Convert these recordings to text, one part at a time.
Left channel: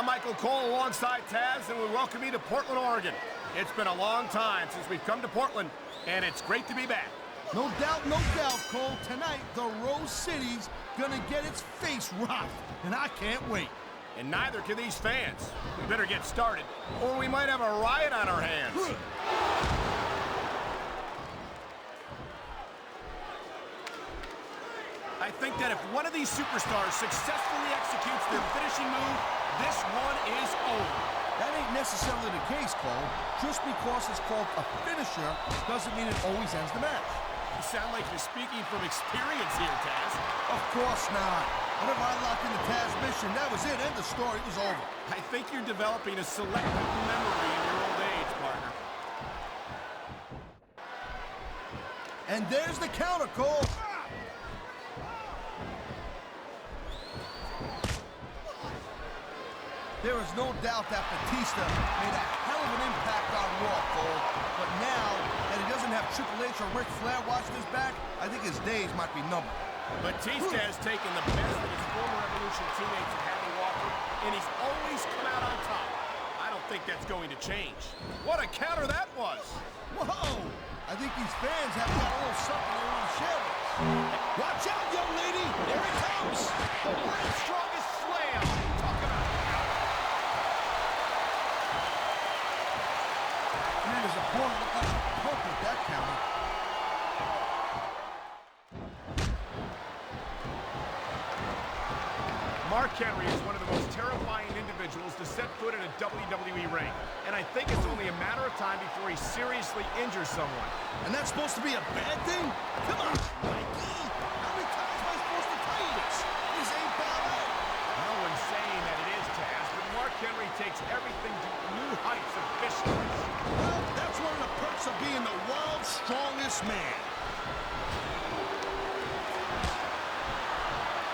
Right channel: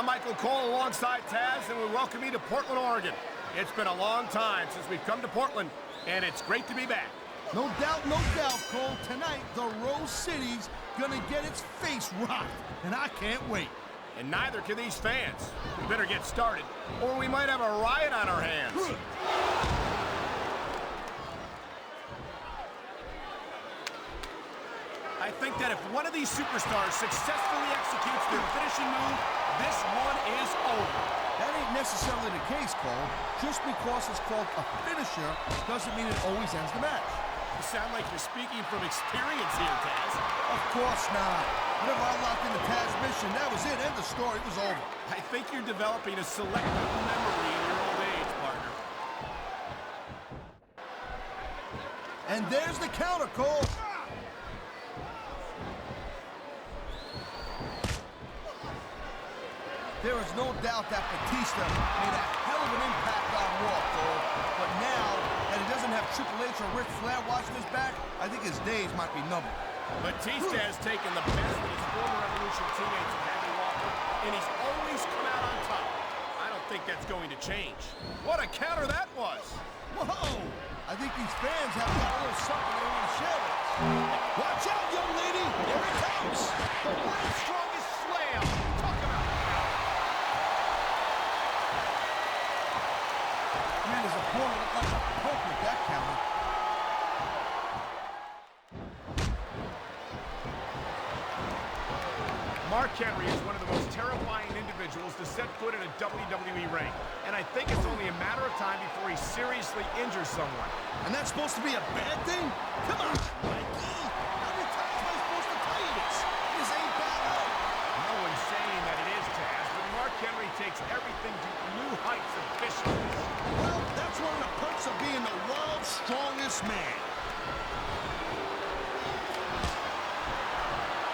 I'm Michael Cole alongside Taz, and we welcome you to Portland, Oregon. It's been a long time since we've come to Portland, and it's great to be back. No doubt, Cole. Tonight, the Rose City's gonna get its face rocked, and I can't wait. And neither can these fans. We better get started, or we might have a riot on our hands. I think that if one of these superstars successfully executes their finishing move, this one is over. That ain't necessarily the case, Cole. Just because it's called a finisher doesn't mean it always ends the match. You sound like you're speaking from experience here, Taz. Of course not. Whenever I locked in the Taz mission, that was it. End of story. It was over. I think you're developing a selective memory in your old age, partner. And there's the counter, Cole. There is no doubt that Batista made a hell of an impact on Raw, Cole. But now that he doesn't have Triple H or Ric Flair watching his back, I think his days might be numbered. Batista has taken the best that his former Evolution teammates have had to offer, and he's always come out on top. I don't think that's going to change. What a counter that was! Whoa! I think these fans have got a little something they want to share with us. Watch out, young lady! Here it comes! The world's strongest slam! Talk about power! Man, his opponent looked like a punk with that counter. Mark Henry is one of the most terrifying individuals to set foot in a WWE ring. And I think it's only a matter of time before he seriously injures someone. And that's supposed to be a bad thing? Come on, Mikey! How many times am I supposed to tell you this? This ain't ballet! No one's saying that it is, Taz, but Mark Henry takes everything to new heights of viciousness. Well, that's one of the perks of being the world's strongest man.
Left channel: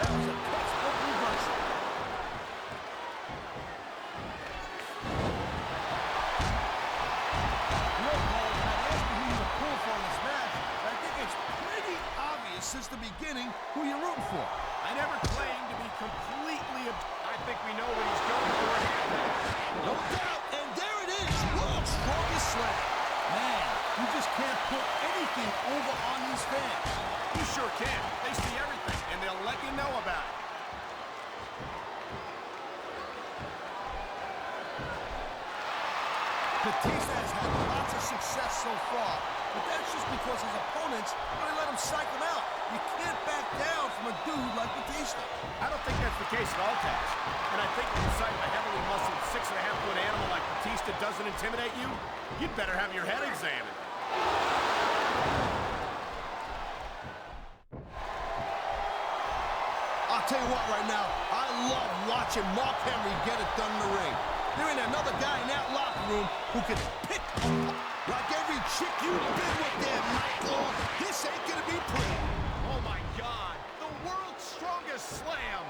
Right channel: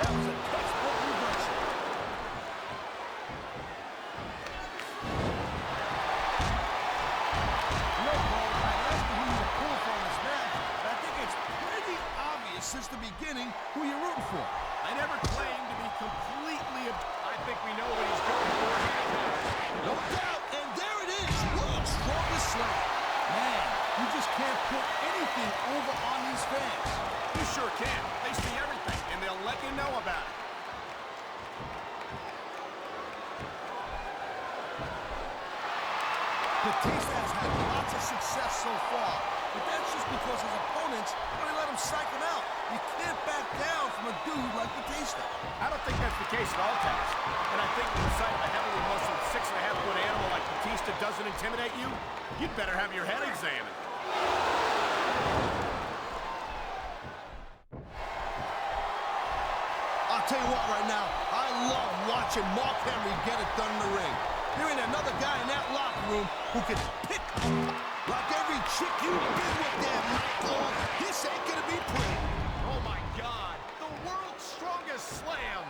That was a textbook reversal. No, Cole, I'd ask you who you were pulling for in this match, but I think it's pretty obvious since the beginning who you're rooting for. I never claimed to be completely... I think we know what he's going for here, Taz. No doubt, and there it is, world's strongest slam. Man, you just can't put anything over on these fans. You sure can. They see everything, and they'll let you know about it. Batista has had lots of success so far, but that's just because his opponents really let him psych him out. You can't back down from a dude like Batista. I don't think that's the case at all, Taz. And I think with the sight of a heavily muscled 6.5-foot animal like Batista doesn't intimidate you, you'd better have your head examined. I'll tell you what right now, I love watching Mark Henry get it done in the ring. There ain't another guy in that locker room who can pick up like every chick you've been with there, Michael. This ain't gonna be pretty. Oh my God, the world's strongest slam.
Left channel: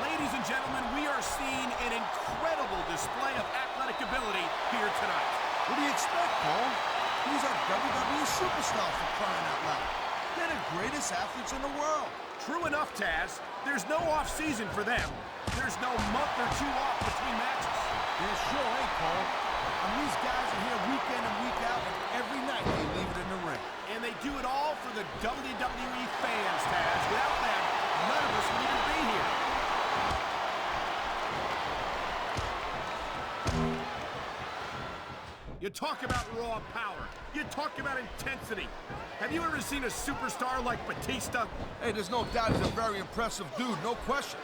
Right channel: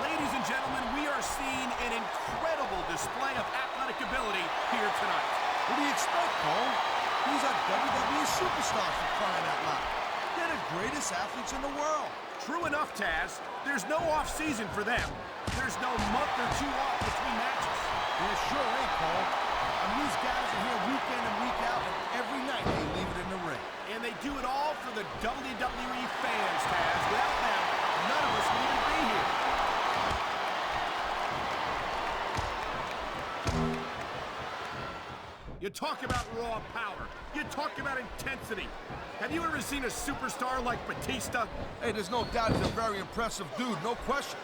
Ladies and gentlemen, we are seeing an incredible display of athletic ability here tonight. What do you expect, Cole? These are WWE superstars for crying out loud. They're the greatest athletes in the world. True enough, Taz. There's no off-season for them. There's no month or two off between matches. There sure ain't, Cole. I mean, these guys are here week in and week out, and every night they leave it in the ring. And they do it all for the WWE fans, Taz. Without them, none of us would even be here. You talk about raw power. You talk about intensity. Have you ever seen a superstar like Batista? Hey, there's no doubt he's a very impressive dude, no question.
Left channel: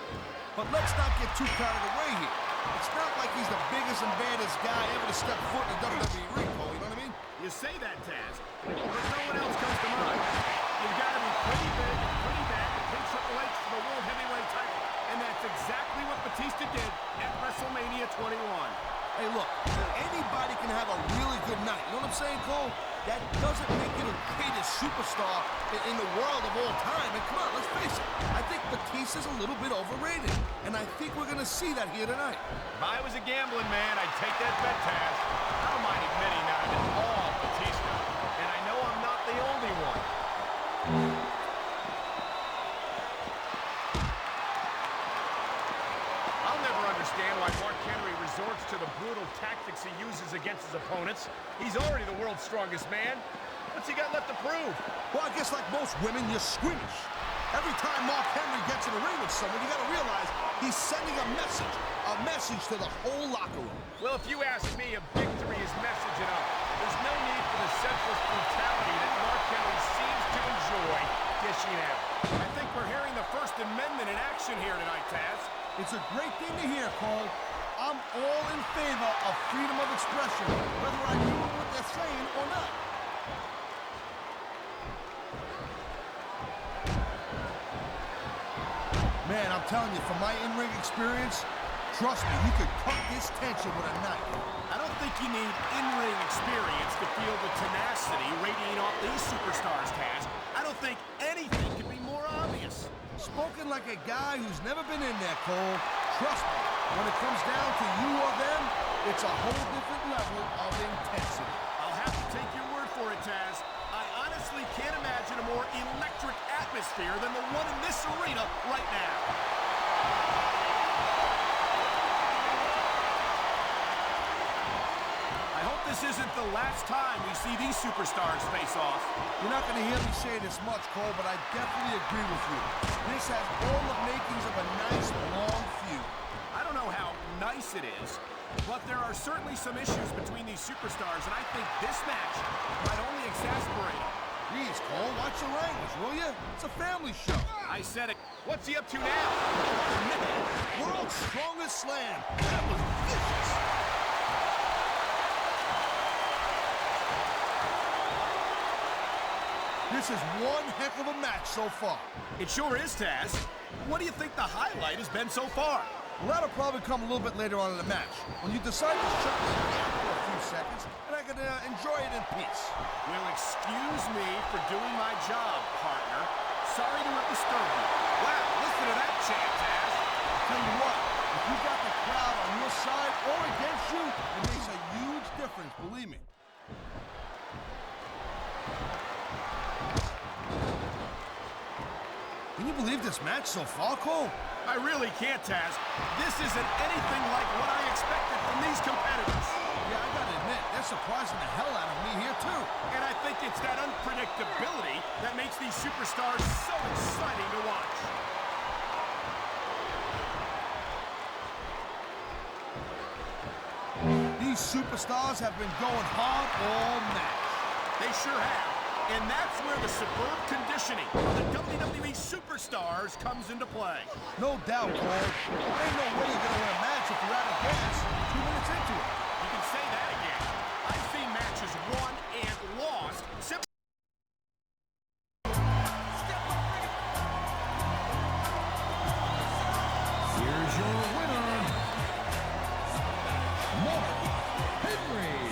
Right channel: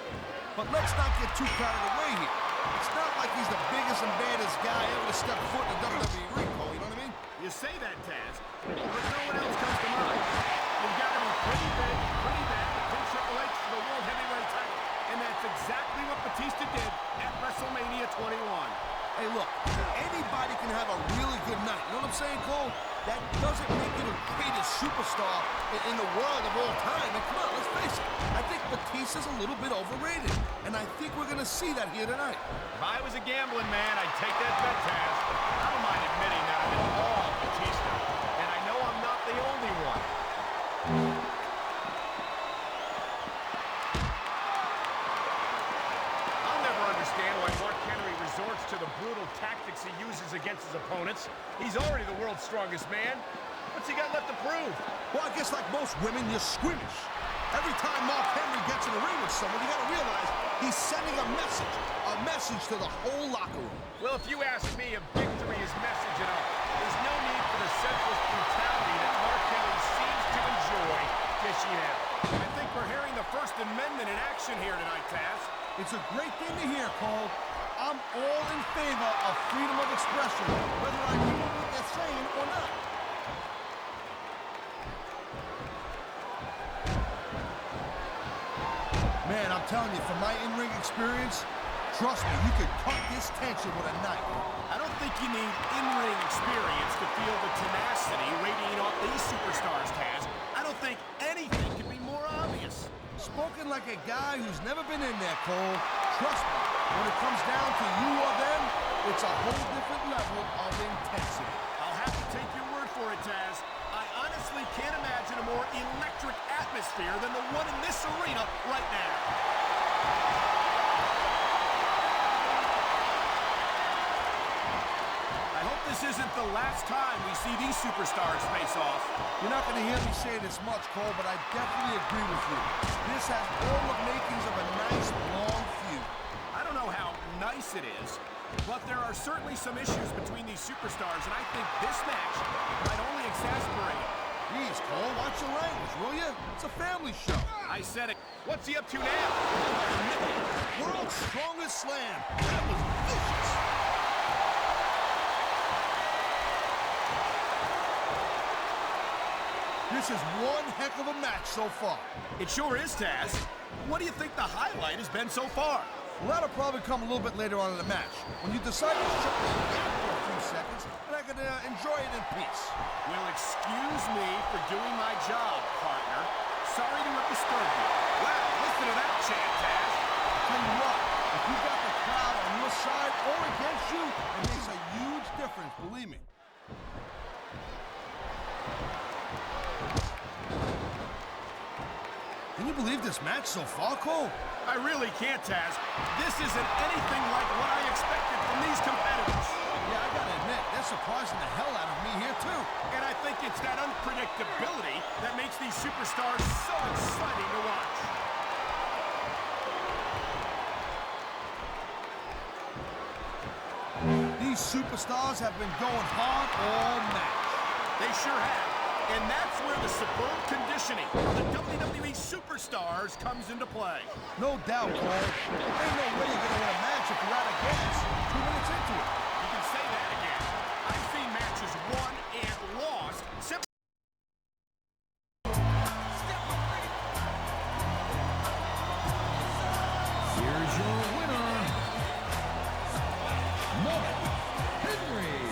But let's not get too carried away here. It's not like he's the biggest and baddest guy ever to step foot in a WWE ring, Cole, you know what I mean? You say that, Taz, but no one else comes to mind. You've got to be pretty big and pretty bad to pin Triple H for the World Heavyweight title. And that's exactly what Batista did at WrestleMania 21. Hey, look, anybody can have a really good night. You know what I'm saying, Cole? That doesn't make you the greatest superstar in the world of all time. And come on, let's face it. I think Batista's a little bit overrated. And I think we're going to see that here tonight. If I was a gambling man, I'd take that bet, Taz. I don't mind admitting that I'm in awe of Batista. And I know I'm not the only one. tactics he uses against his opponents. He's already the world's strongest man. What's he got left to prove? Well, I guess like most women, you're squeamish. Every time Mark Henry gets in the ring with someone, you got to realize he's sending a message to the whole locker room. Well, if you ask me, a victory is message enough. There's no need for the senseless brutality that Mark Henry seems to enjoy dishing out. I think we're hearing the First Amendment in action here tonight, Taz. It's a great thing to hear, Cole. I'm all in favor of freedom of expression, whether I agree with what they're saying or not. Man, I'm telling you, from my in-ring experience, trust me, you could cut this tension with a knife. I don't think you need in-ring experience to feel the tenacity radiating off these superstars, Taz. I don't think anything could be more obvious. Spoken like a guy who's never been in there, Cole. Trust me, when it comes down to you or them, it's a whole different level of intensity. I'll have to take your word for it, Taz. I honestly can't imagine a more electric atmosphere than the one in this arena right now. I hope this isn't the last time we see these superstars face off. You're not going to hear me say this much, Cole, but I definitely agree with you. This has all the makings of a nice, long feud. I don't know how nice it is, but there are certainly some issues between these superstars, and I think this match might only exasperate them. Jeez, Cole, watch your language, will you? It's a family show. I said it. What's he up to now? Oh, man. World's strongest slam. That was vicious. This is one heck of a match so far. It sure is, Taz. What do you think the highlight has been so far? Well, that'll probably come a little bit later on in the match, when you decide to shut the gap for a few seconds, and I can enjoy it in peace. Well, excuse me for doing my job, partner. Sorry to have disturbed you. Wow, listen to that chant, Taz. I'll tell you what, if you got the crowd on your side or against you, it makes a huge difference, believe me. Can you believe this match so far, Cole? I really can't, Taz. This isn't anything like what I expected from these competitors. Yeah, I gotta admit, they're surprising the hell out of me here, too. And I think it's that unpredictability that makes these superstars so exciting to watch. These superstars have been going hard all match. They sure have. And that's where the superb conditioning of the WWE superstars comes into play. No doubt, Cole. There ain't no way you're gonna win a match if you're out of gas 2 minutes into it. You can say that again. I've seen matches won and lost simply. Here's your winner, Mark Henry.